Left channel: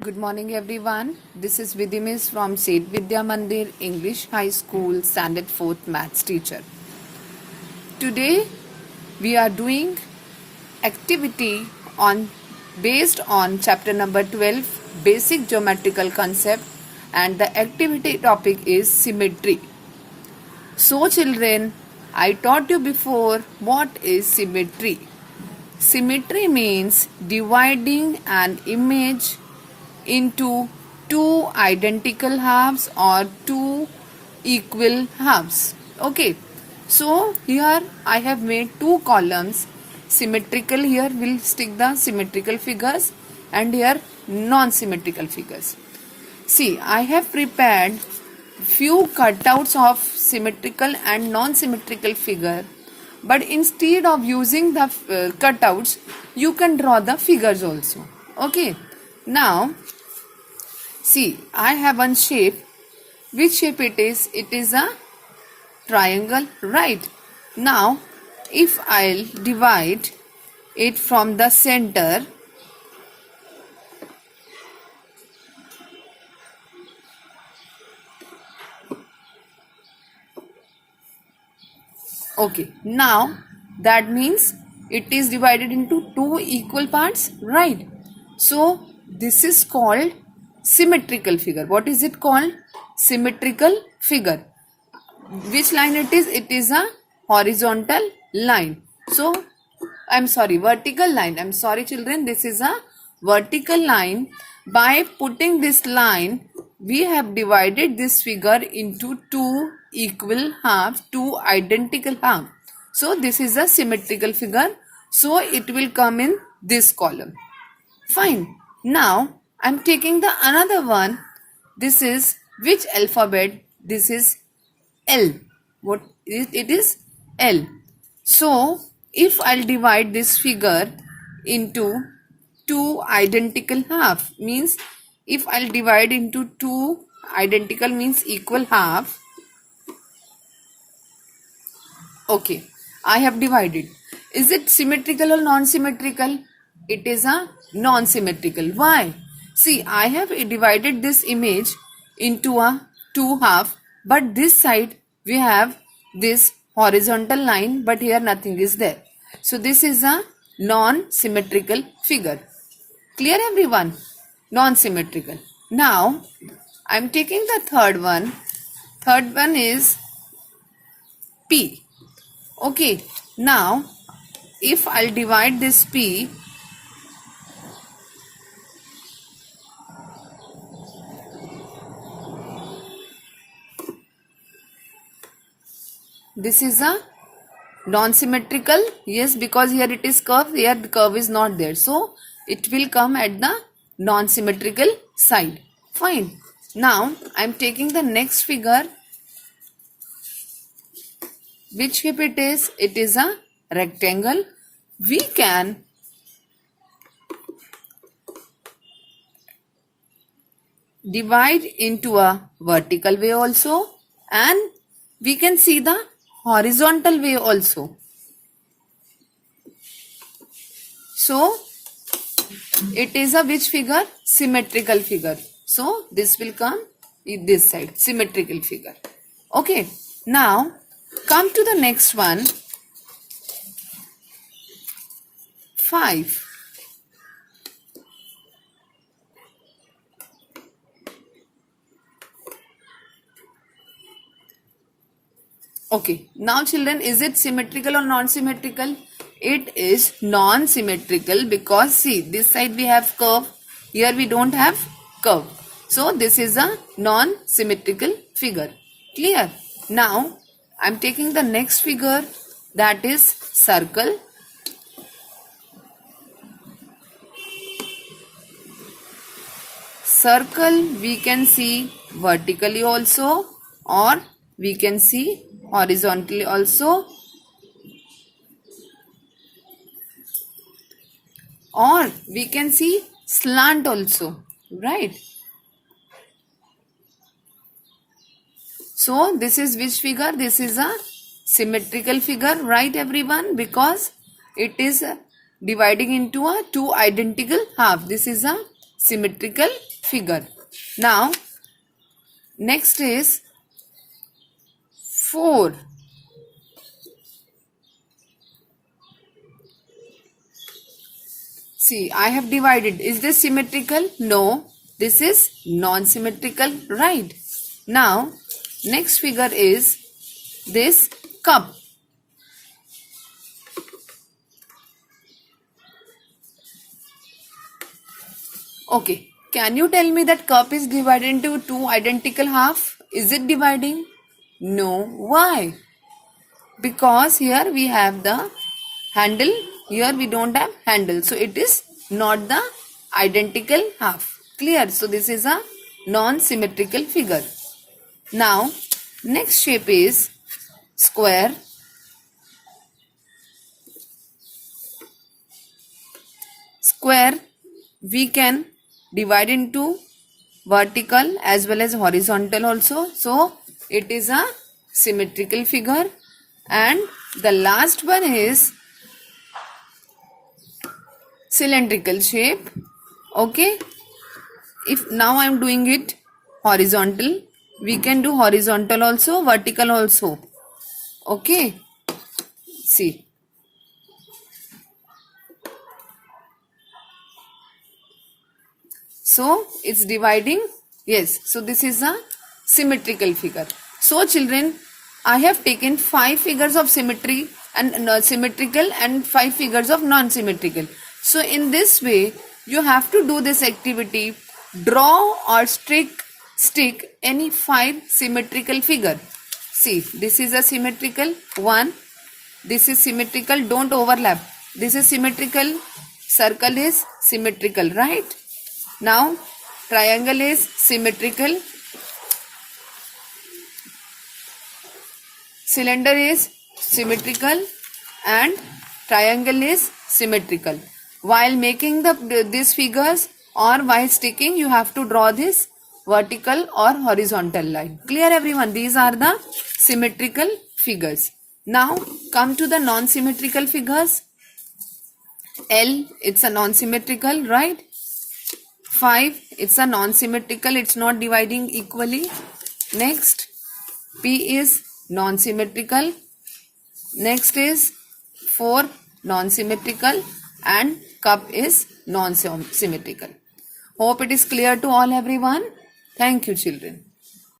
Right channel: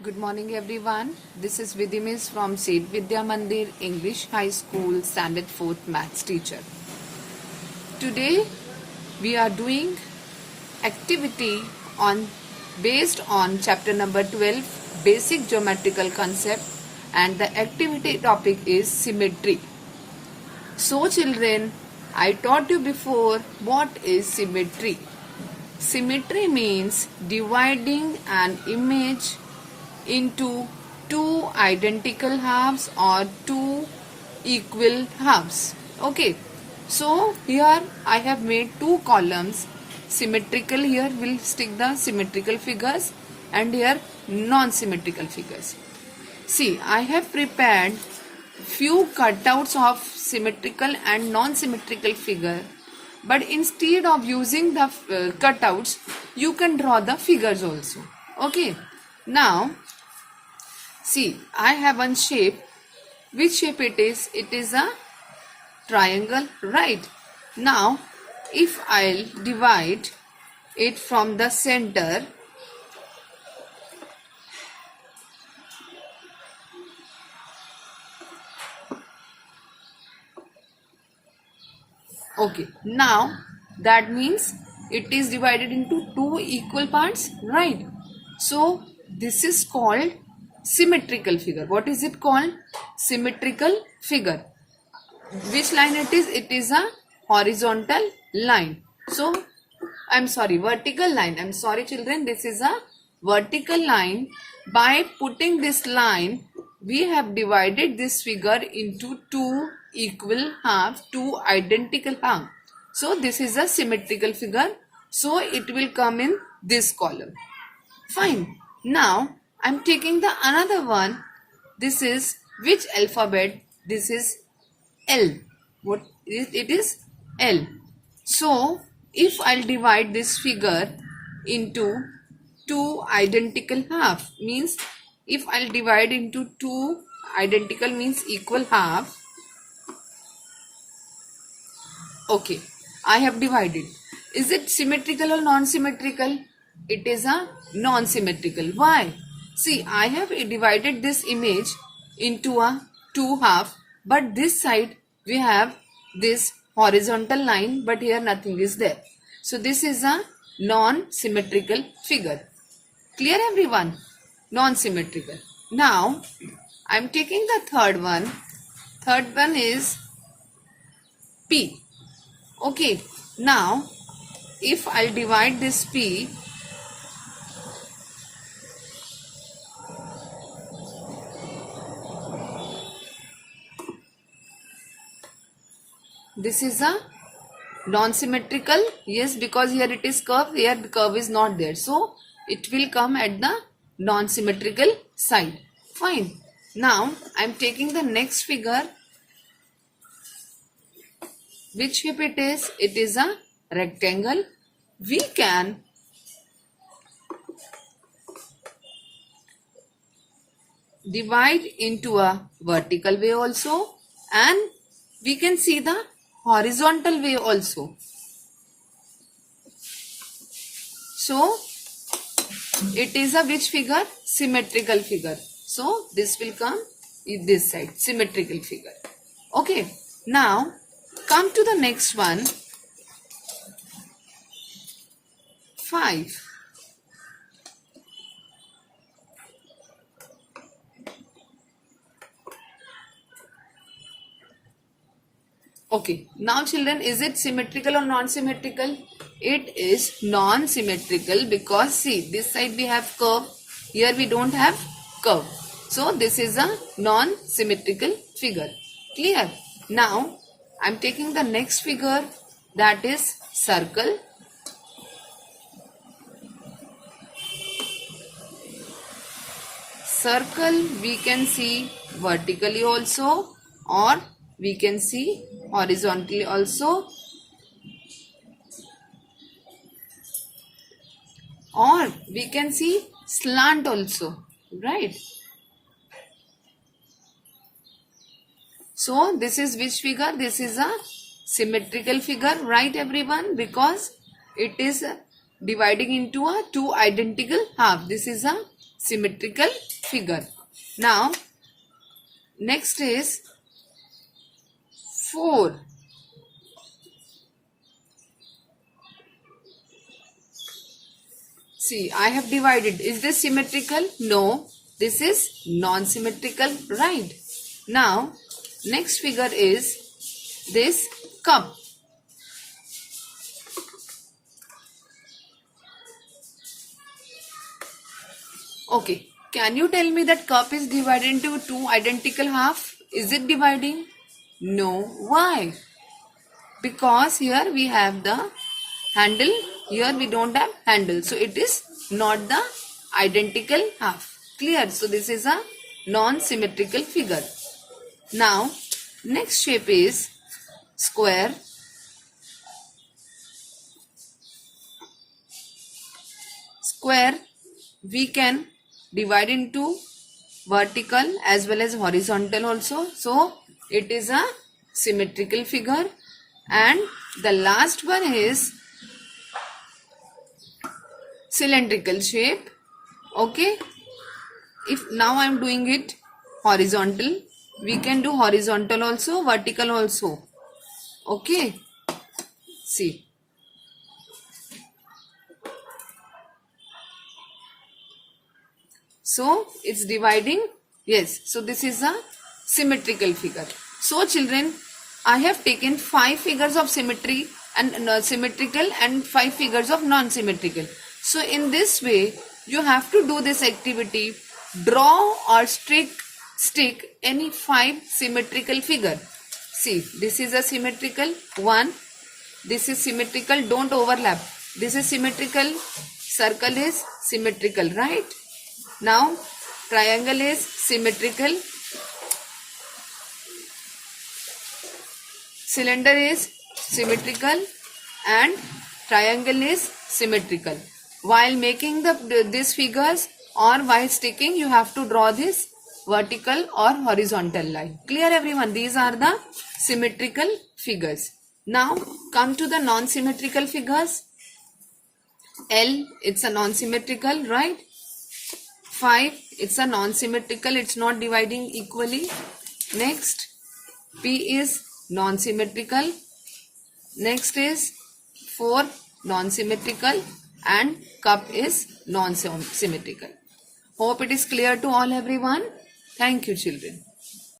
Good morning everyone. This is Vidhimis from Seth Vidya Mandir English High School Standard 4th Maths teacher. Today we are doing activity on based on chapter number 12 basic geometrical concept, and the activity topic is symmetry. So children, I taught you before what is symmetry. Symmetry means dividing an image into two identical halves or two equal halves. Okay, so here I have made two columns. Symmetrical, here we'll stick the symmetrical figures, and here non-symmetrical figures. See, I have prepared few cutouts of symmetrical and non-symmetrical figure, but instead of using the cutouts, you can draw the figures also. Okay, now see, I have one shape. Which shape it is? It is a triangle, right? Now, if I'll divide it from the center, okay, now that means it is divided into two equal parts, right? So, this is called symmetrical figure. What is it called? Symmetrical figure. Which line it is? It is a horizontal line. So, vertical line. I'm sorry children, this is a vertical line. By putting this line, we have divided this figure into two equal halves, two identical halves. So, this is a symmetrical figure. So, it will come in this column. Fine. Now, I'm taking the another one. This is which alphabet? This is L. What is it? Is L. So, if I'll divide this figure into two identical half, means if I'll divide into two identical means equal half. Okay, I have divided. Is it symmetrical or non-symmetrical? It is a non-symmetrical. Why? See, I have divided this image into a two half, but this side we have this horizontal line, but here nothing is there. So this is a non-symmetrical figure. Clear everyone? Non-symmetrical. Now, I am taking the third one. Third one is P. Okay, now if I'll divide this P, this is a non-symmetrical. Yes, because here it is curved, here the curve is not there. So, it will come at the non-symmetrical side. Fine. Now, I am taking the next figure. Which shape it is? It is a rectangle. We can divide into a vertical way also, and we can see the horizontal way also. So, it is a which figure? Symmetrical figure. So, this will come in this side, symmetrical figure. Okay, now come to the next one. 5. Okay, now children, is it symmetrical or non-symmetrical? It is non-symmetrical because see, this side we have curve, here we don't have curve. So, this is a non-symmetrical figure. Clear? Now, I am taking the next figure, that is circle. Circle we can see vertically also, or we can see horizontally also, or we can see slant also, right? So this is which figure? This is a symmetrical figure, right everyone? Because it is dividing into a two identical half. This is a symmetrical figure. Now, next is 4. See, I have divided. Is this symmetrical? No. This is non-symmetrical, right? Now, next figure is this cup. Okay. Can you tell me that cup is divided into 2 identical half? Is it dividing? No. Why? Because here we have the handle. Here we don't have handle. So it is not the identical half. Clear? So this is a non-symmetrical figure. Now, next shape is square. Square we can divide into vertical as well as horizontal also. So it is a symmetrical figure. And the last one is cylindrical shape. Okay. If now I am doing it horizontal, we can do horizontal also, vertical also. Okay. See. So it's dividing. Yes. So this is a symmetrical figure. So children, I have taken 5 figures of symmetry and symmetrical and 5 figures of non-symmetrical. So in this way, you have to do this activity. Draw or stick any 5 symmetrical figure. See, this is a symmetrical one. This is symmetrical. Don't overlap. This is symmetrical. Circle is symmetrical, right? Now, triangle is symmetrical. Cylinder is symmetrical and triangle is symmetrical. While making these figures or while sticking, you have to draw this vertical or horizontal line. Clear everyone? These are the symmetrical figures. Now come to the non-symmetrical figures. L, it's a non-symmetrical, right? 5, it's a non-symmetrical, it's not dividing equally. Next, P is non-symmetrical. Next is 4, non-symmetrical, and cup is non-symmetrical. Hope it is clear to all everyone. Thank you children.